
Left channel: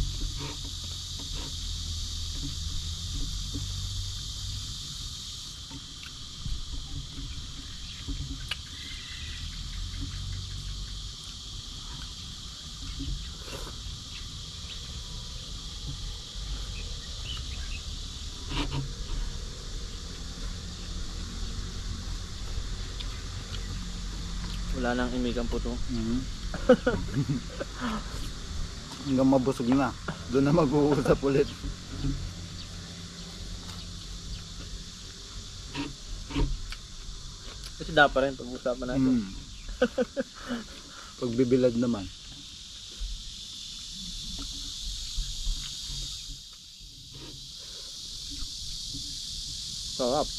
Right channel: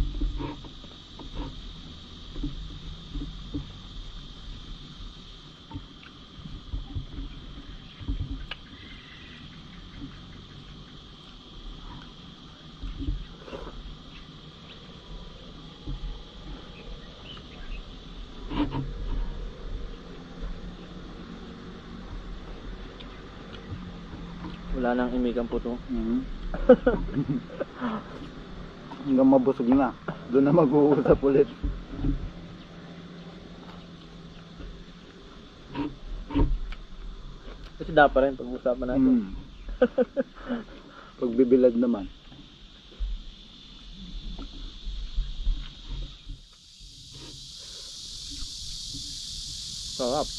Wala nang imikan po to. Hanggang mabusog na. Doon na mag-uusap ulit. Kasi dapat rin pag-usapan natin. Pagbibilad naman. Sarap.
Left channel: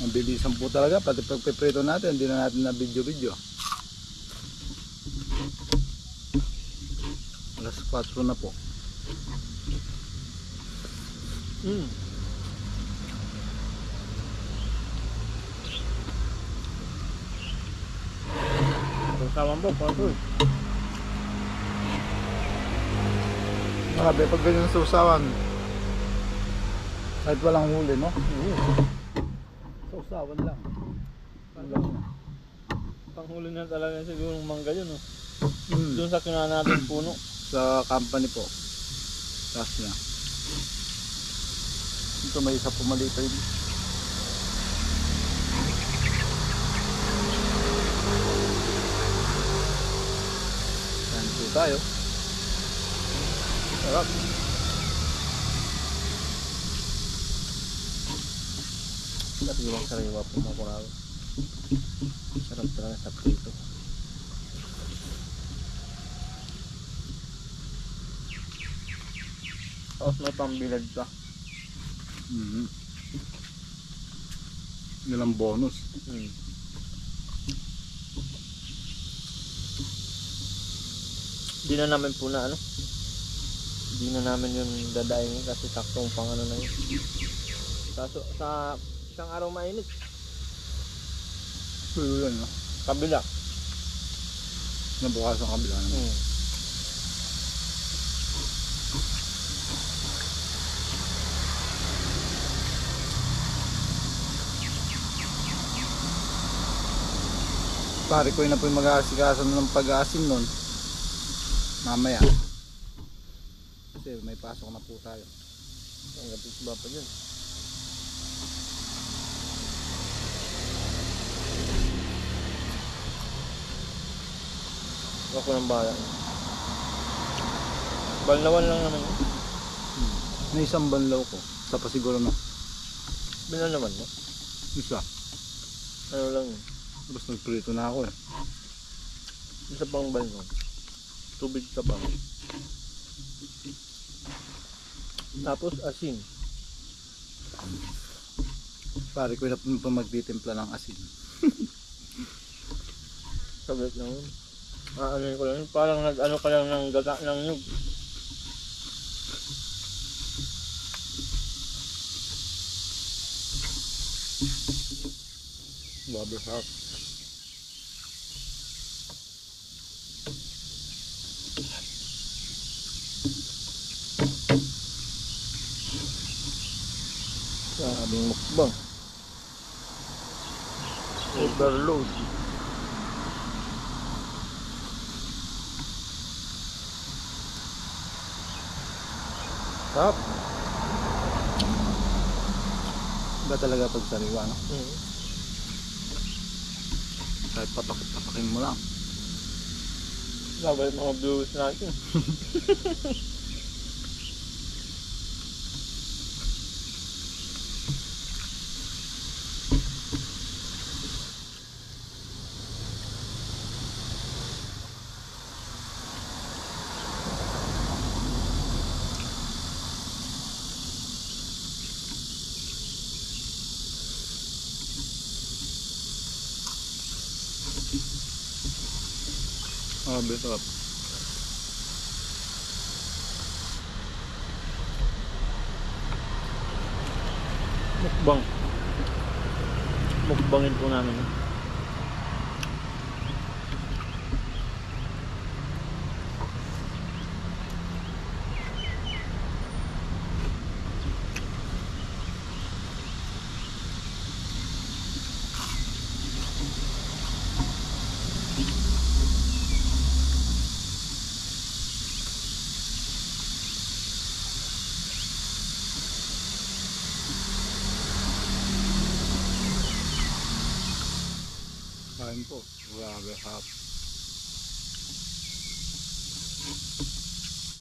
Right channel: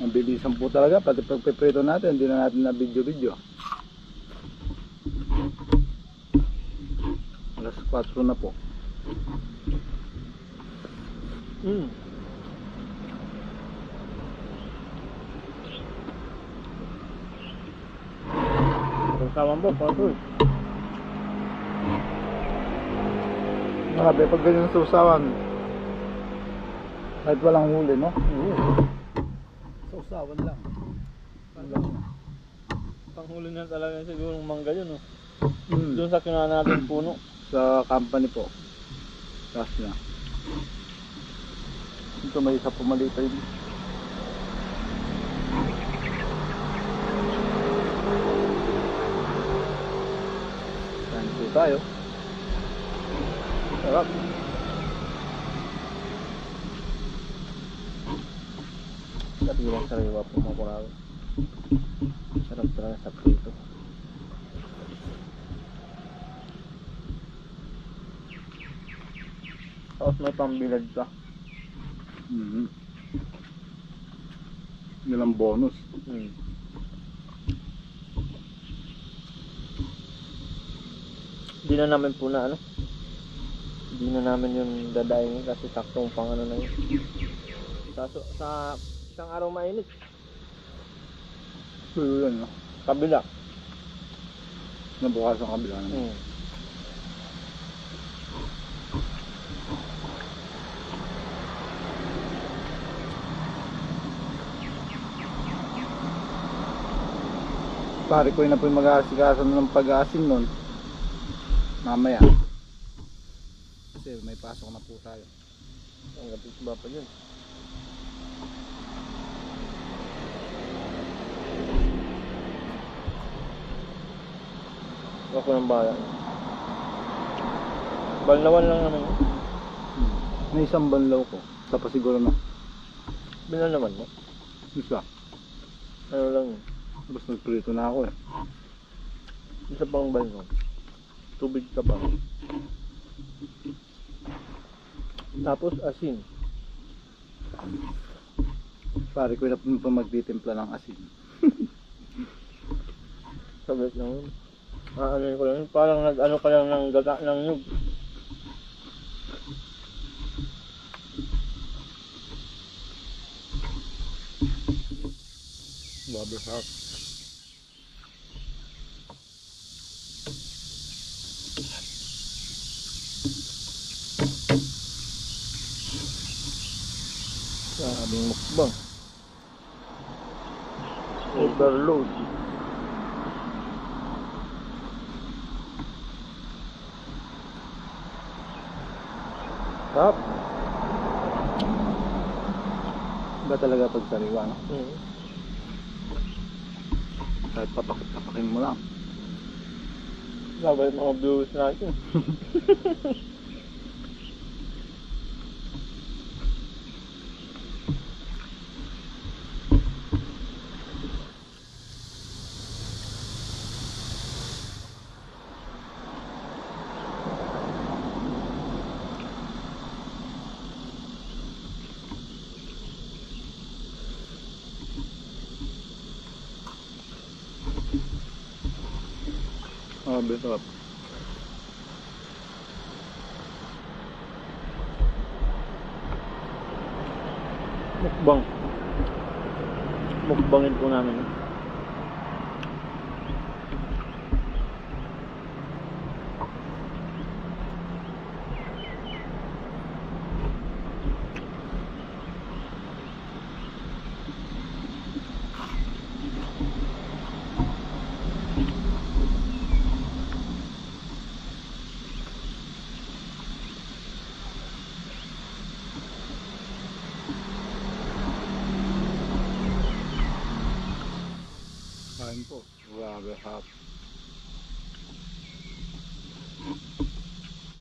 Mabilisan po talaga, pati pagpiprito natin, hindi na natin na video-video. Paso na po. Sawan po, paso. Grabe, pag ganyan sa usawan, kahit walang huli, no? Sa usawan lang. Panghuli na talaga siguro ng mangga yun, no? Doon sa kinuha natin puno. Sa company po. Taas na. Ito may isa pumalipay. Yan po tayo. Sarap. Sariwa po mga kurado. Sarap talaga sa prito. Tapos may pambilad pa. Nilang bonus. Hindi na namin po na ano. Hindi na namin yung dadaingin kasi saktong pang ano na yun. Sa isang araw mainit. So yun, no? Kabila. Nabukas ang kabila naman. Pare ko yun na po yung mag-aasikaso ng pag-aasin nun. Mamaya. Kasi may pasok na po tayo. Ang gabis ba pa yun? Ako ng bala. Balnawan lang naman yun. May isang banlaw ko. Sa pa siguro na. Bilan naman mo? Isa. Ano lang yun? Tapos nagprito na ako eh. Isa pang balnaw. Tubig ka pa. Tapos asin. Pare ko na po magtitimpla ng asin. Sabit lang yun. Ano ko lang yun. Parang nag-ano ka lang ng gata ng nyug. Babi hap. Sabing mukbang. Overload. Tap. Ba talaga pag sariwa, no? Kahit papakin mo lang. Sabay mga viewers natin. Sarap. Mukbang. Mukbangin po namin. Kain po. Grabe hap.